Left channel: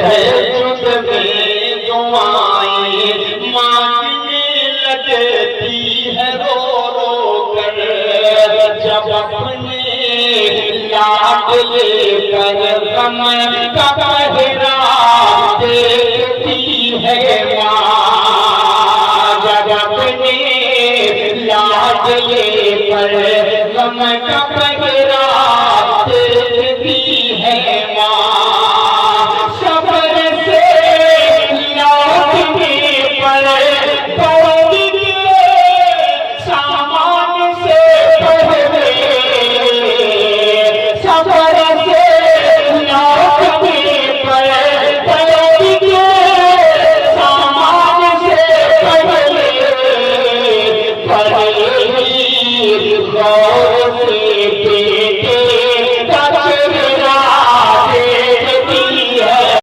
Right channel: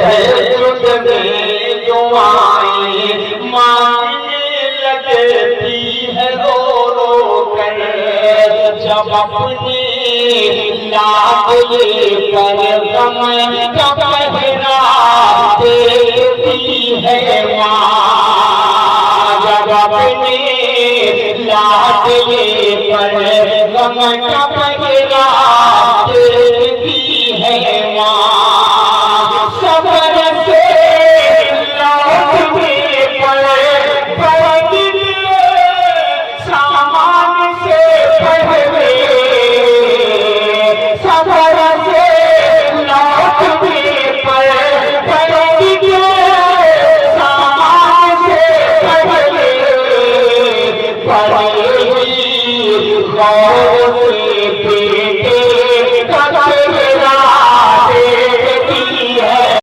تہجد میں دعائیں مانگنے لگتی ہے رو رو کر، جب اپنے لاڈلے